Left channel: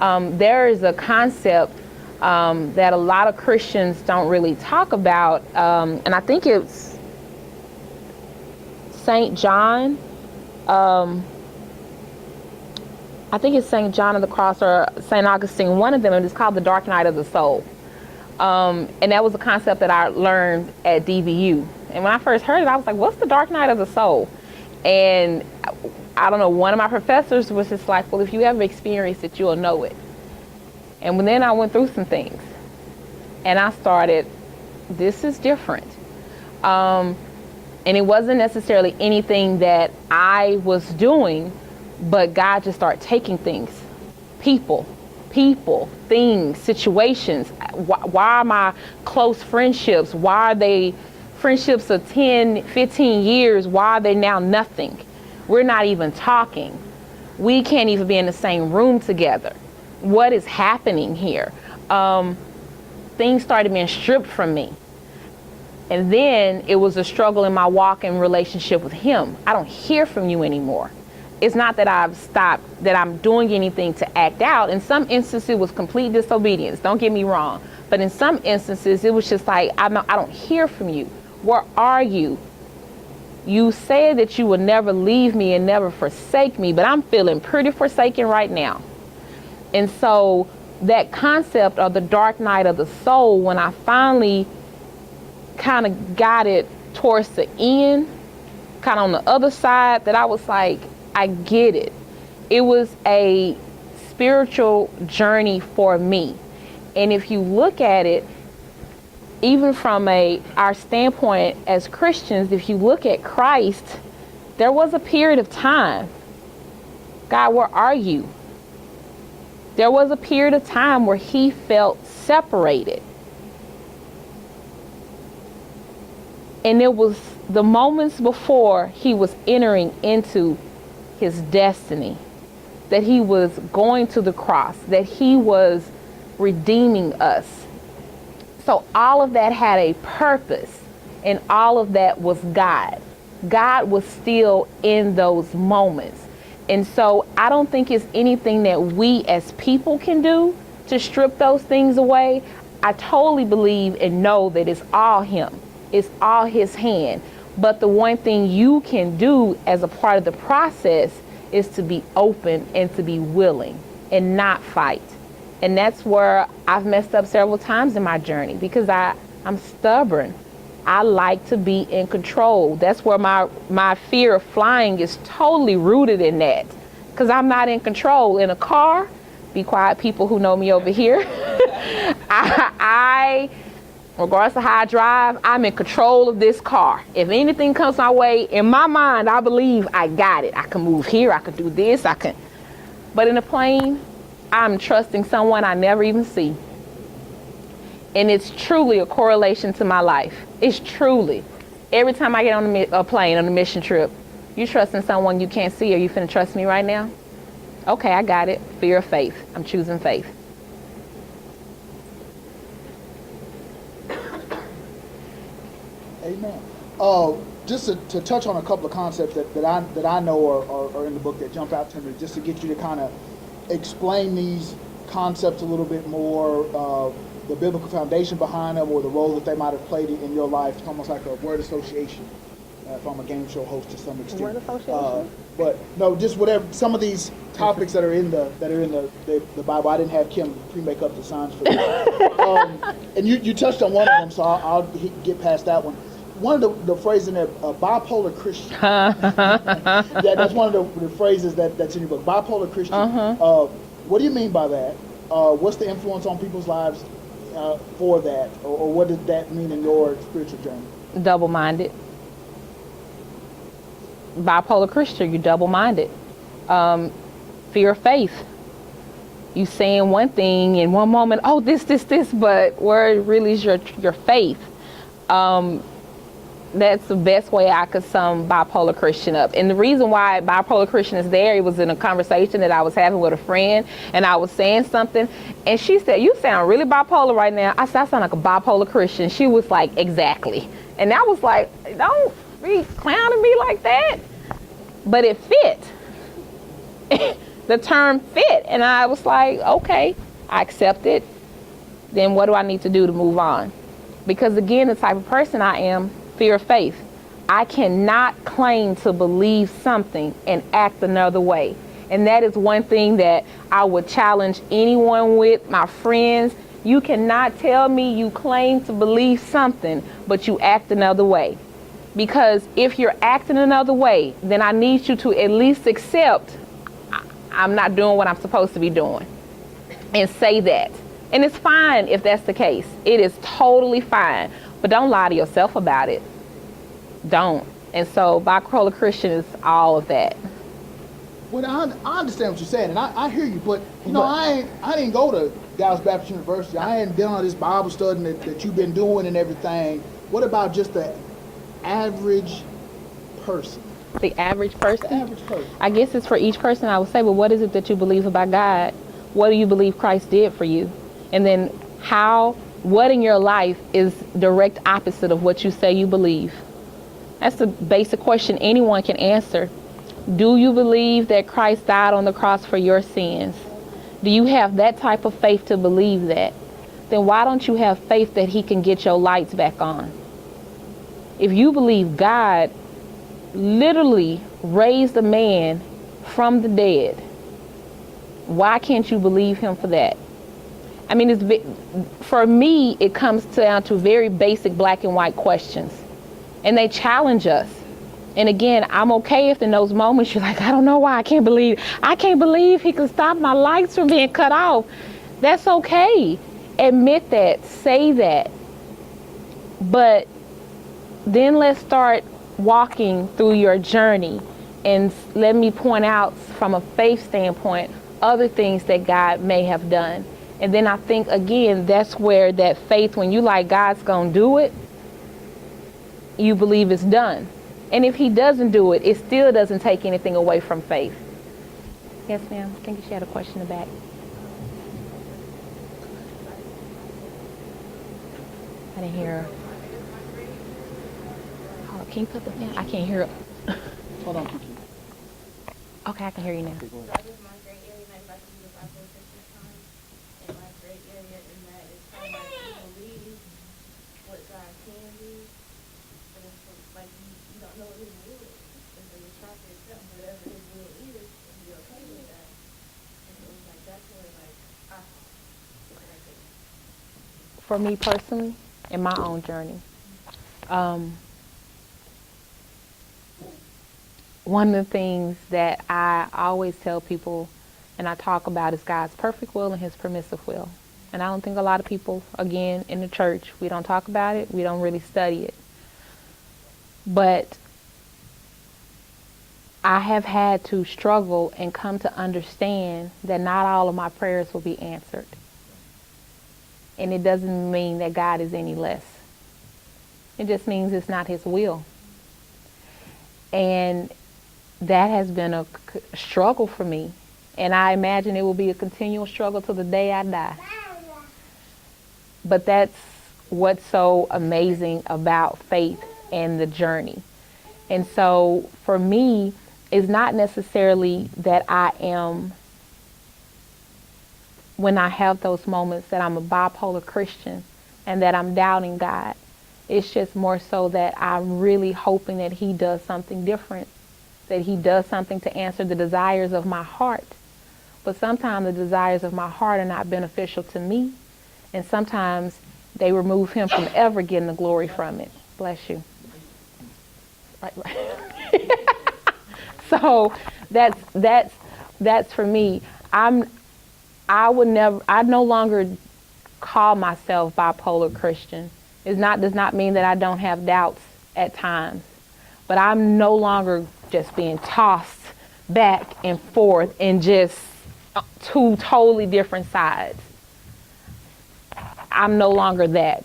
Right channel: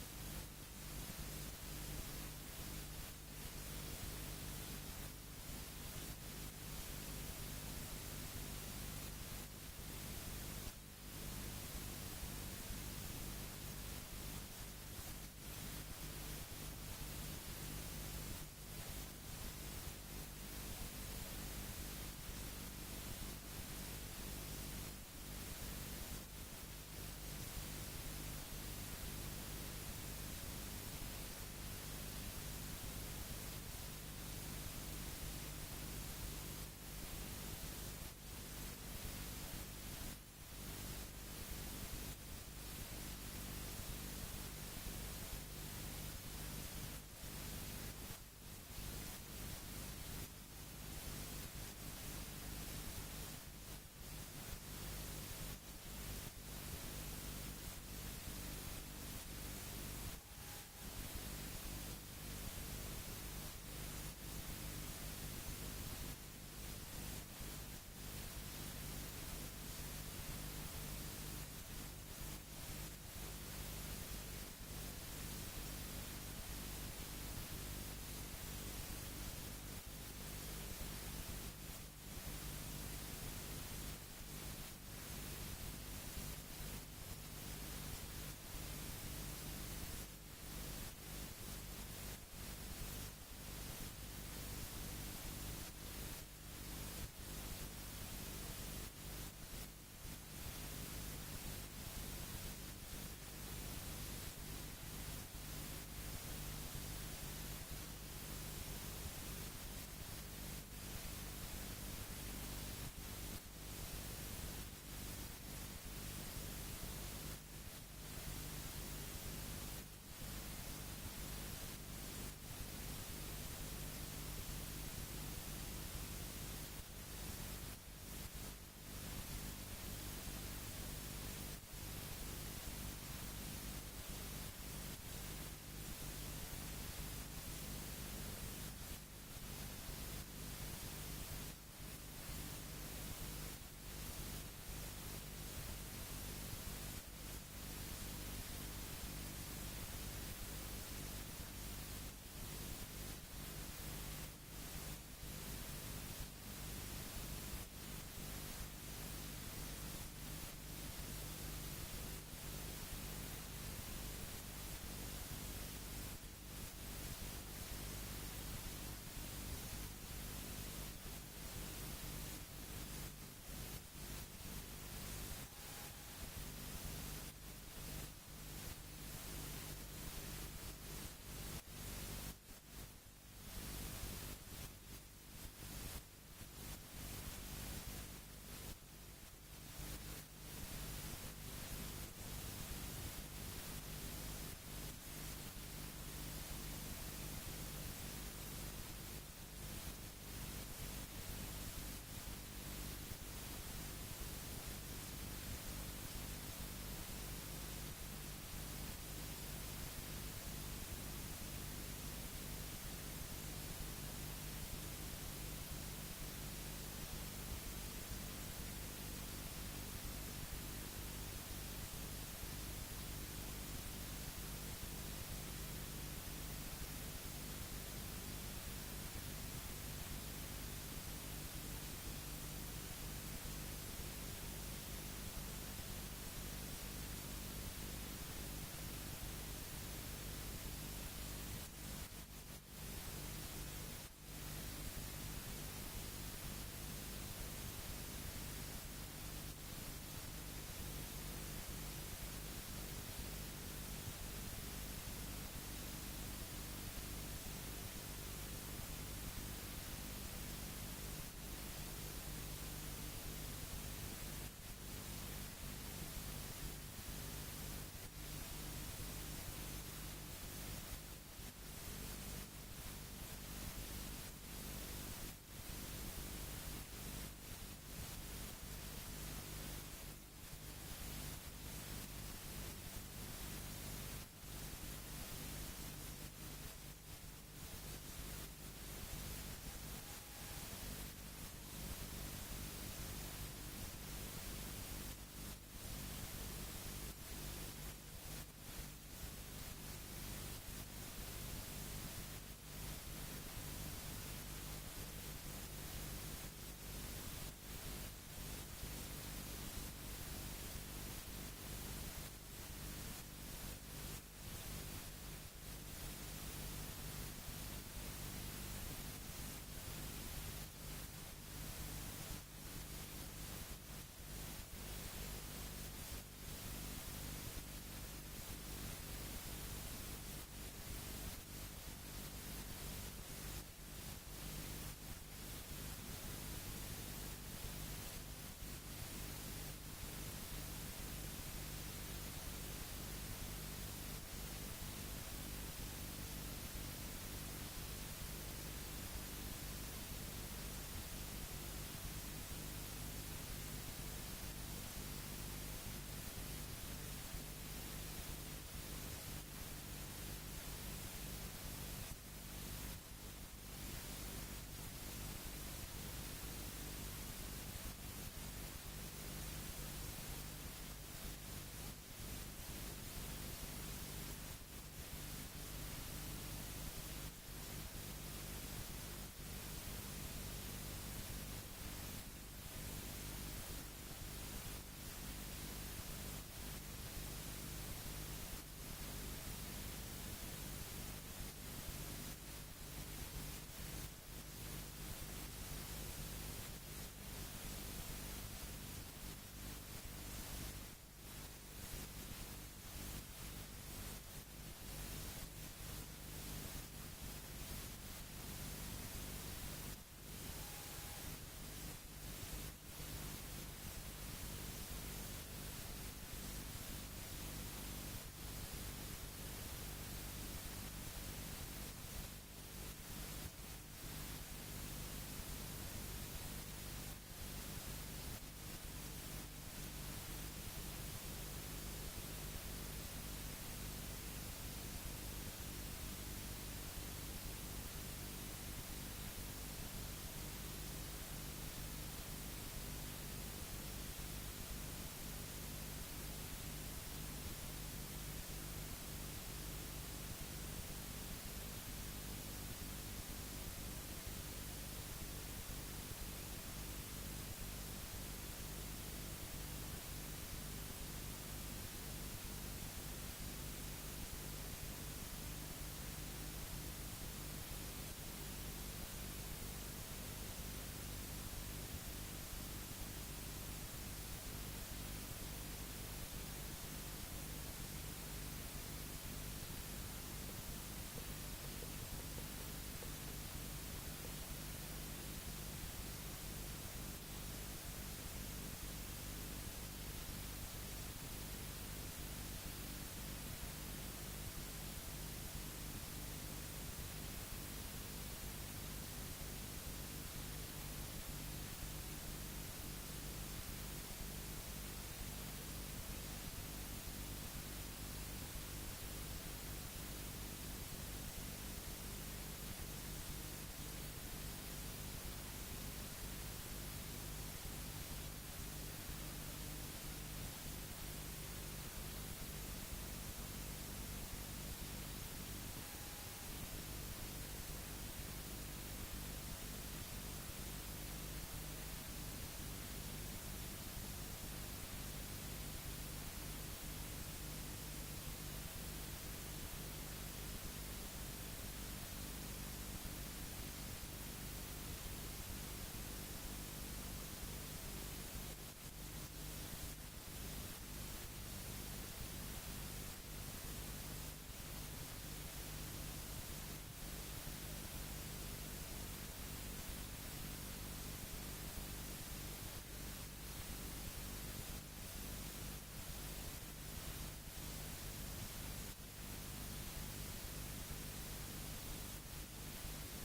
There is a concept that a lot of Christians don't really talk about, and I think it's St. John. I think it's St. John of the Cross or St. Augustine, one of them, and it's called the dark night of the soul. And that was a concept that I learned at DVU. And when I first heard it, I was like, what's the dark night of the soul? And I don't know, one of my professors was just like, well, if you ever experience it, you'll know it. And then I went through some things. And I started, this is different. And it wasn't necessarily anything that I was doing, but God just started taking things, people, things, situations. Why are my close friendships, why are they friendships of 10, 15 years, why are they now nothing? We're not even talking. We can't even be in the same room together. What is happening here? Things started being stripped from me. And then it was a struggle in my walk and relationship with him. I don't hear from you anymore. It's not that I've stopped, that I'm doing anything to act out. In some instances, it was complete disobedience. Don't get me wrong. But in some instances, it was just like, I don't hear from you. Where are you? You said that you would never leave me and never forsake me, but I'm feeling pretty forsaken right now. And so that concept of the dark night of the soul, when I finally kind of got it towards the end, kind of on the other side, that I was like, I get it. It was a spiritual journey for me. And if you look at it, even from our standpoint as Christians, if you look at Christ, there was a period of time. God, where are you? There was a period of time where he felt separated. And it was the moments before he was entering into his destiny, that he was going to the cross, that he was redeeming us. So all of that had a purpose, and all of that was God. God was still in those moments. And so I don't think it's anything that we as people can do to strip those things away. I totally believe and know that it's all him. It's all his hand. But the one thing you can do as a part of the process is to be open and to be willing and not fight. And that's where I've messed up several times in my journey, because I'm stubborn. I like to be in control. That's where my fear of flying is totally rooted in that, because I'm not in control. In a car, be quiet people who know me over here, I regardless of how I drive, I'm in control of this car. If anything comes my way, in my mind, I believe I got it. I can move here, I can do this, I can. But in a plane, I'm trusting someone I never even see. And it's truly a correlation to my life. It's truly. Every time I get on a plane, on a mission trip, you trusting someone you can't see, or you finna trust me right now? Okay, I got it. Fear of faith. I'm choosing faith. Amen. Just to touch on a couple of concepts that I know are in the book that jump out to me, just to get you to kind of explain these concepts a little bit more, the biblical foundation behind them, or the role that they might have played in your life. It's almost like a word association. If I'm a game show host to some extent. Word association? But no, just whatever. Some of these topics that are in the Bible. I didn't have Kim pre-make up the signs for that. And you touched on one of them, so I'll get past that one. One of the phrases in there, bipolar Christian. Yeah, that's one of the phrases that's in your book, bipolar Christian. What do you mean by that? What's the influence on people's lives for that? Or what did that mean in your spiritual journey? Double-minded. Bipolar Christian, you're double-minded. Fear of faith. You saying one thing in one moment, oh, this, but where really is your faith? That's the best way I could sum bipolar Christian up. And the reason why bipolar Christian is there, it was in a conversation that I was having with a friend, and I was saying something, and she said, you sound really bipolar right now. I said, I sound like a bipolar Christian. She was like, exactly. And I was like, don't be clowning me like that. But it fit. the term fit. And I was like, okay, I accept it. Then what do I need to do to move on? Because again, the type of person I am, fear of faith. I cannot claim to believe something and act another way. And that is one thing that I would challenge anyone with, my friends. You cannot tell me you claim to believe something, but you act another way. Because if you're acting another way, then I need you to at least accept I'm not doing what I'm supposed to be doing. And say that. And it's fine if that's the case. It is totally fine. But don't lie to yourself about it. Don't. And so bipolar Christian is all of that. Well, I understand what you're saying, and I hear you, but I didn't go to Dallas Baptist University. I hadn't been on this Bible study that you've been doing and everything. What about just the average person? The average person? The average person. I guess it's for each person. I would say, well, what is it that you believe about God? What do you believe Christ did for you? And then what in your life is direct opposite of what you say you believe? That's the basic question anyone can answer. Do you believe that Christ died on the cross for your sins? Do you have that type of faith to believe that? Then why don't you have faith that he can get your lights back on? If you believe God literally raised a man from the dead, why can't you believe him for that? I mean, for me, it comes down to very basic black and white questions. And they challenge us. And again, I'm okay if in those moments you're like, I don't know why, I can't believe he could stop my lights from being cut off. That's okay. Admit that, say that. But then let's start walking through your journey, and let me point out from a faith standpoint other things that God may have done. And then I think, again, that's where that faith, when you like God's gonna do it, you believe it's done. And if he doesn't do it, it still doesn't take anything away from faith. Yes, ma'am. I think she had a question in the back. I didn't hear her. Oh, can you put the pen? I can't hear her. Hold on, Kiki. Okay, I can hear you now. For me personally, in my own journey, one of the things that I always tell people and I talk about is God's perfect will and his permissive will. And I don't think a lot of people, again, in the church, we don't talk about it, we don't really study it. But I have had to struggle and come to understand that not all of my prayers will be answered. And it doesn't mean that God is any less. It just means it's not his will. And that has been a struggle for me. And I imagine it will be a continual struggle till the day I die. But that's what's so amazing about faith and the journey. And so for me, it's not necessarily that I am, when I have those moments, that I'm a bipolar Christian and that I'm doubting God. It's just more so that I'm really hoping that he does something different, that he does something to answer the desires of my heart. But sometimes the desires of my heart are not beneficial to me, and sometimes they remove him from ever getting the glory from it. Bless you. Right. So that's for me. I no longer call myself bipolar Christian. Does not mean that I don't have doubts at times, but I'm no longer just being tossed back and forth in just two totally different sides. I'm no longer that.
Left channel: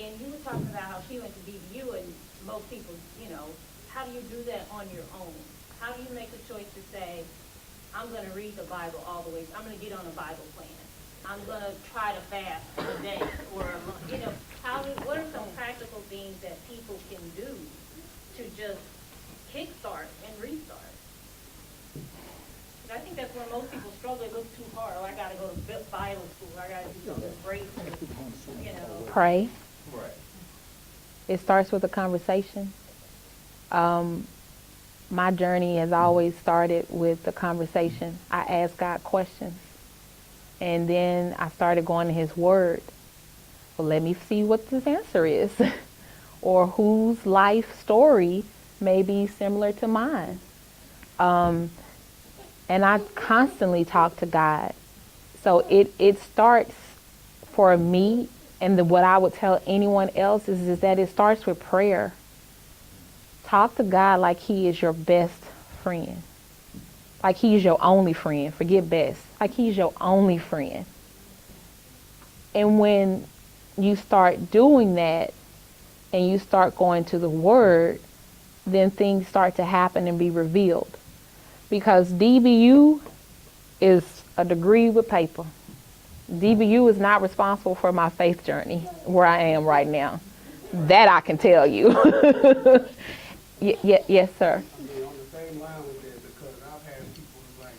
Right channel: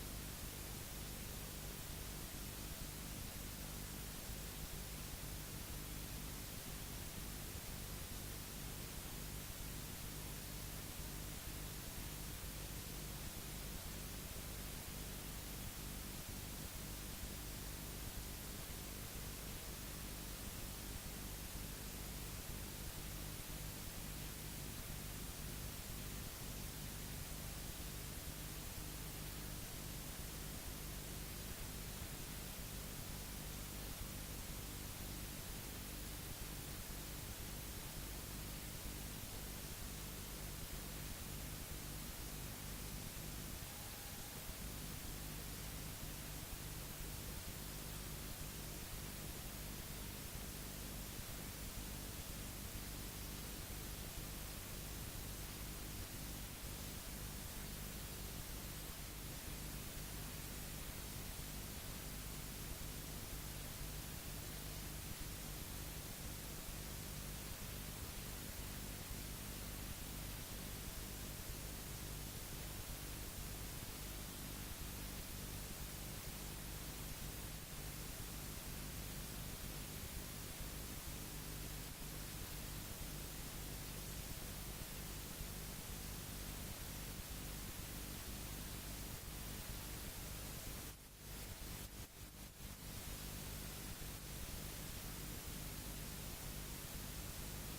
And you do you do that on your own? How do you make the choice to say, I'm going to read the Bible all the way. I'm going to get on a Bible plan. I'm going to try to fast a day or a month. You know, what are some practical things that people can do to just kickstart and restart? I think that's where most people struggle. It goes too hard. Oh, I got to go to Bible school. I got to do something great. You know. Pray. It starts with a conversation. My journey has always started with the conversation. I asked God questions, and then I started going to His Word. Well, let me see what His answer is, or whose life story may be similar to mine. And I constantly talk to God. So it starts for me, and what I would tell anyone else is that it starts with prayer. Talk to God like He is your best friend. Like He's your only friend. Forget best. Like He's your only friend. And when you start doing that and you start going to the Word, then things start to happen and be revealed. Because DBU is a degree with paper. DBU is not responsible for my faith journey where I am right now. That I can tell you. Yes, sir. On the same line with that, because I've had people like,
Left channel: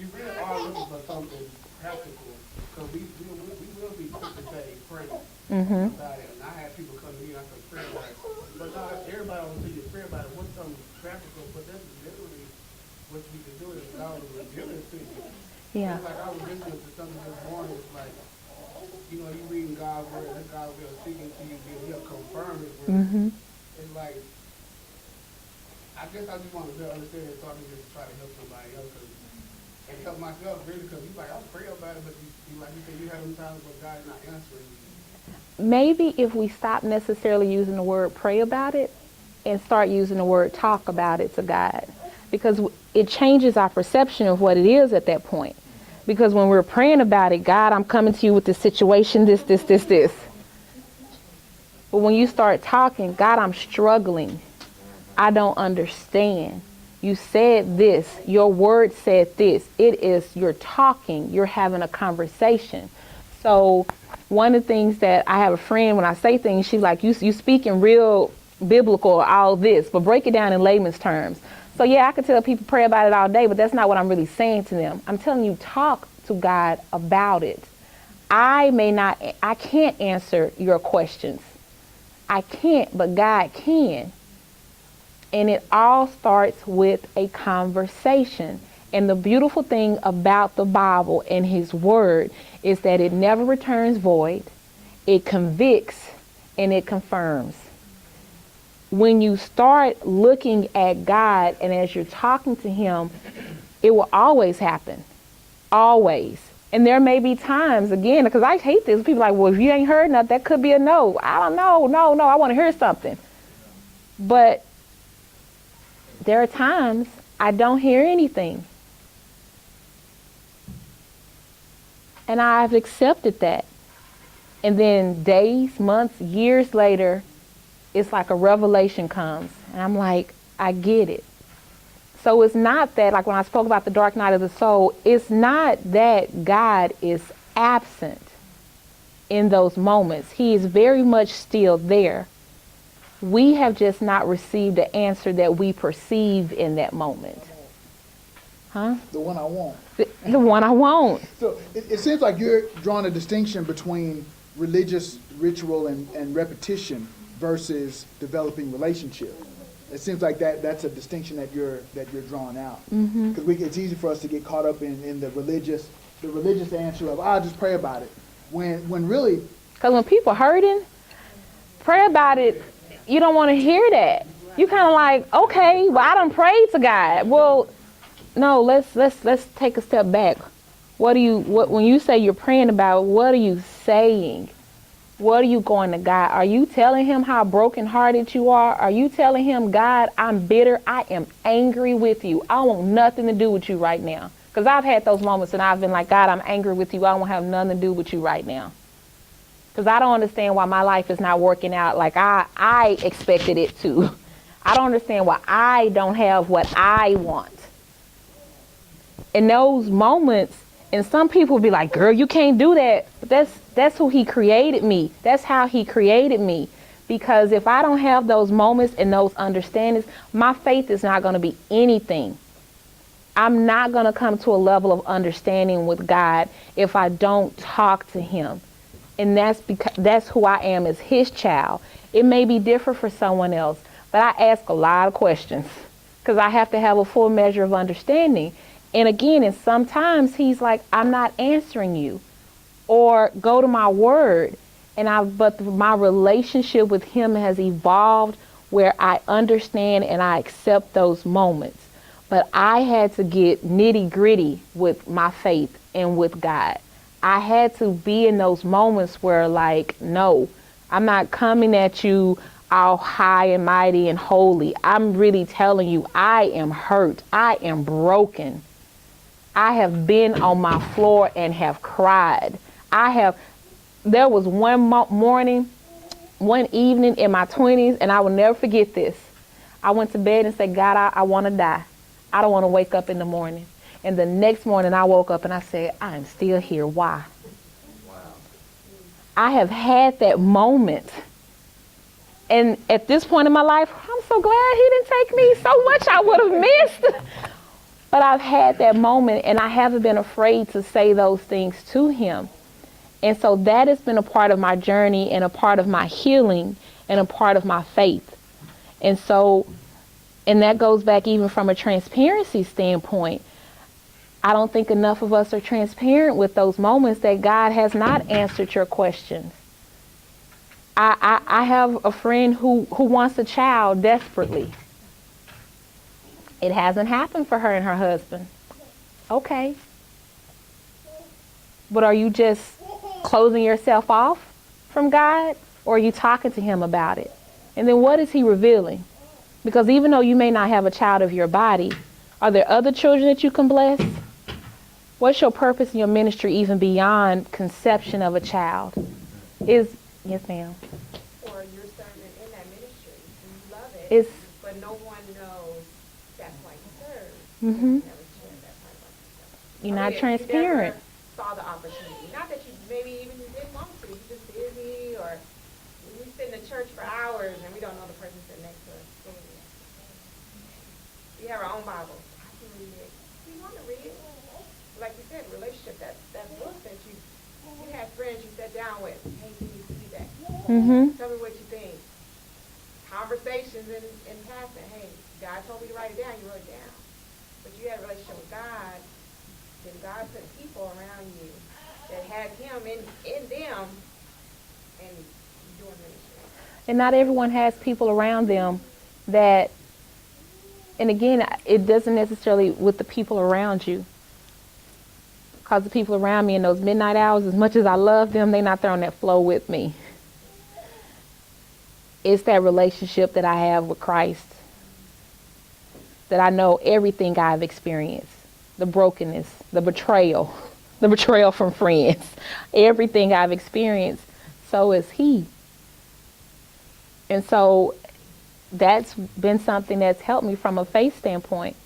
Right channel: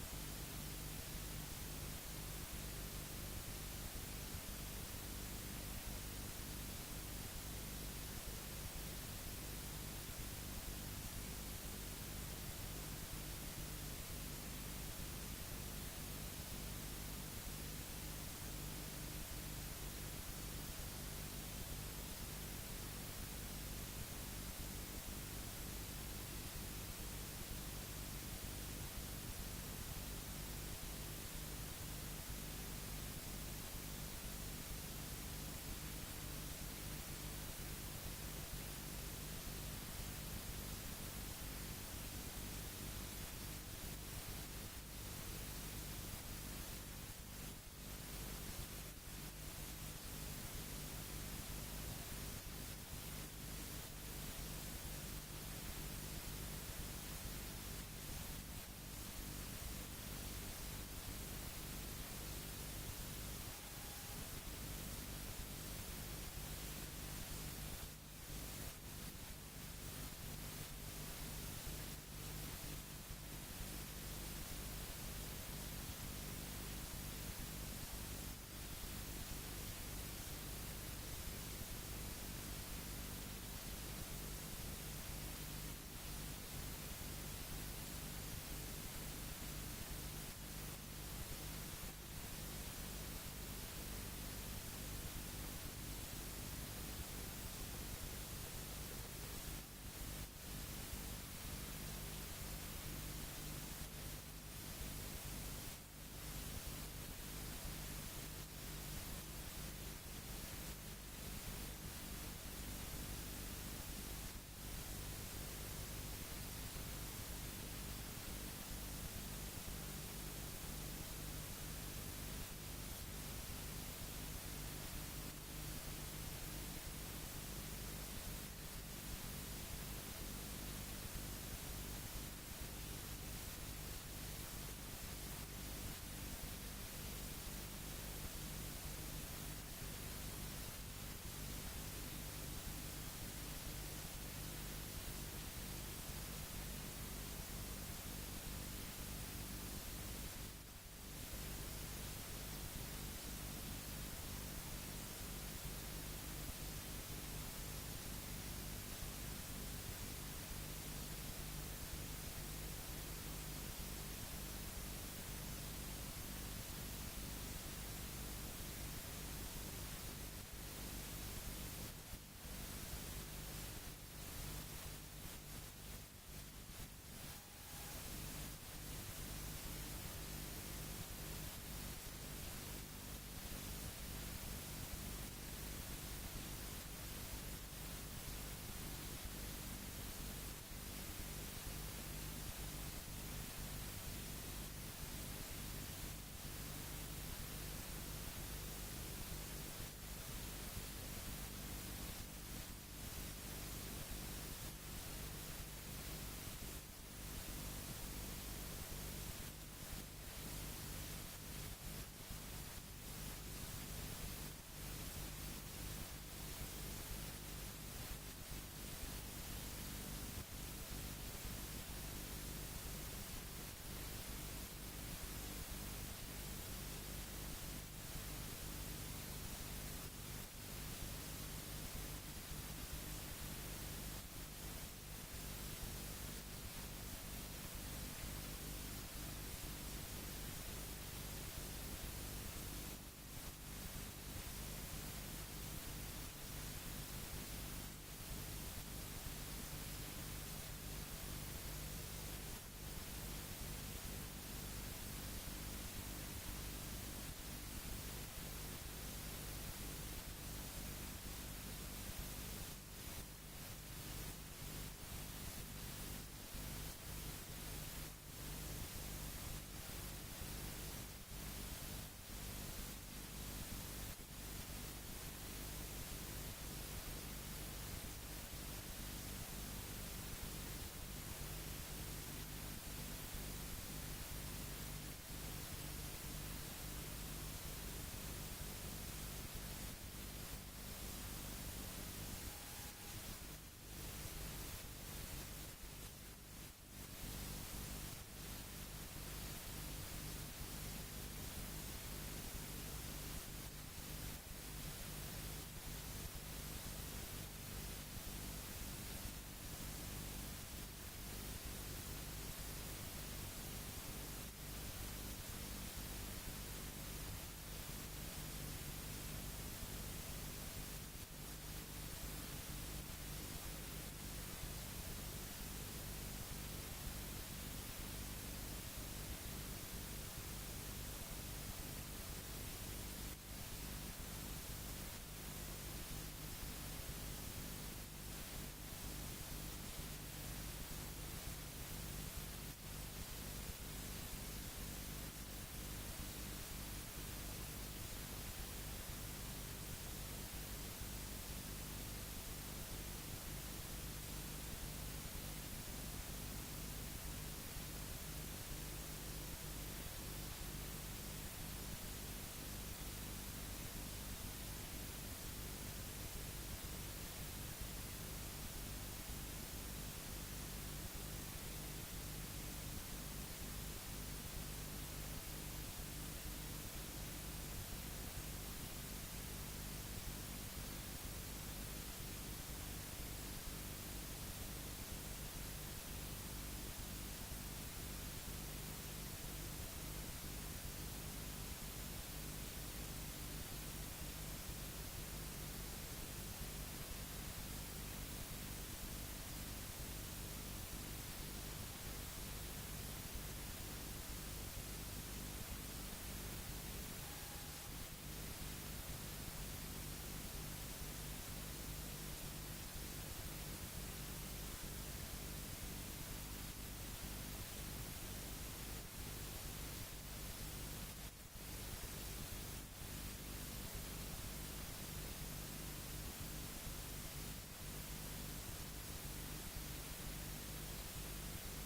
you really are looking for something practical, because we will be quick to say pray about it. And I had people come to me and I said, pray about it. But not everybody will see you pray about it. What's something practical, but that's literally what you can do is allow them to give it to you. Yeah. It's like I was listening to something this morning, it's like, you know, you reading God's word, and God's word speaking to you, he'll confirm it. It's like, I guess I just wanted to understand and talk to you to try to help somebody else and help myself really, because you like, I'll pray about it, but you like you said, you have some times where God is not answering. Maybe if we stop necessarily using the word pray about it and start using the word talk about it to God, because it changes our perception of what it is at that point. Because when we're praying about it, God, I'm coming to you with this situation, this. But when you start talking, God, I'm struggling. I don't understand. You said this. Your word said this. You're talking. You're having a conversation. So one of the things that I have a friend, when I say things, she's like, you speaking real biblical, all this, but break it down in layman's terms. So yeah, I could tell people pray about it all day, but that's not what I'm really saying to them. I'm telling you, talk to God about it. I can't answer your questions. I can't, but God can. And it all starts with a conversation. And the beautiful thing about the Bible and His Word is that it never returns void. It convicts and it confirms. When you start looking at God and as you're talking to Him, it will always happen. Always. And there may be times, again, because I hate this, people are like, well, if you ain't heard nothing, that could be a no. I don't know. No, I want to hear something. But there are times I don't hear anything. And I've accepted that. And then days, months, years later, it's like a revelation comes. And I'm like, I get it. So it's not that, like when I spoke about the dark night of the soul, it's not that God is absent in those moments. He is very much still there. We have just not received the answer that we perceive in that moment. Huh? The one I want. The one I want. So it seems like you're drawing a distinction between religious ritual and repetition versus developing relationship. It seems like that's a distinction that you're drawing out. Because it's easy for us to get caught up in the religious answer of, I'll just pray about it. When really, because when people hurting, pray about it. You don't want to hear that. You kind of like, okay, well, I done prayed to God. Well, no, let's take a step back. When you say you're praying about, what are you saying? What are you going to God? Are you telling Him how brokenhearted you are? Are you telling Him, God, I'm bitter. I am angry with you. I want nothing to do with you right now. Because I've had those moments and I've been like, God, I'm angry with you. I don't have nothing to do with you right now. Because I don't understand why my life is not working out like I expected it to. I don't understand why I don't have what I want. In those moments, and some people be like, girl, you can't do that. But that's who he created me. That's how he created me. Because if I don't have those moments and those understandings, my faith is not going to be anything. I'm not going to come to a level of understanding with God if I don't talk to him. And that's because that's who I am as his child. It may be different for someone else, but I ask a lot of questions because I have to have a full measure of understanding. And again, and sometimes he's like, I'm not answering you, or go to my word. But my relationship with him has evolved where I understand and I accept those moments. But I had to get nitty gritty with my faith and with God. I had to be in those moments where, like, no, I'm not coming at you all high and mighty and holy. I'm really telling you, I am hurt. I am broken. I have been on my floor and have cried. There was one morning, one evening in my 20s, and I will never forget this. I went to bed and said, God, I want to die. I don't want to wake up in the morning. And the next morning I woke up and I said, I am still here. Why? Wow. I have had that moment. And at this point in my life, I'm so glad he didn't take me. So much I would have missed. But I've had that moment, and I haven't been afraid to say those things to him. And so that has been a part of my journey and a part of my healing and a part of my faith. And that goes back even from a transparency standpoint. I don't think enough of us are transparent with those moments that God has not answered your questions. I have a friend who wants a child desperately. It hasn't happened for her and her husband. Okay. But are you just closing yourself off from God, or are you talking to him about it? And then what is he revealing? Because even though you may not have a child of your body, are there other children that you can bless? What's your purpose in your ministry even beyond conception of a child? Yes, ma'am. Or you're serving in that ministry. You love it, but no one knows that's why you serve. Mm-hmm. You're I not mean, transparent. You never saw the opportunity. Not that you maybe even you didn't want to. You're just busy, or we sit in the church for hours and we don't know the person sitting next to us. We have our own Bible. You want to read it? Like you said, relationship, that book that you had friends you sat down with. Hey, you need to do that. Mm-hmm. Tell me what you think. Conversations in passing. Hey, God told me to write it down. You wrote it down. If you had a relationship with God, then God put people around you that had him in them and doing it. And not everyone has people around them that, and again, it doesn't necessarily with the people around you. Because the people around me in those midnight hours, as much as I love them, they're not there on that flow with me. It's that relationship that I have with Christ, that I know everything I've experienced, the brokenness, the betrayal from friends, everything I've experienced, so is he. And so that's been something that's helped me from a faith standpoint.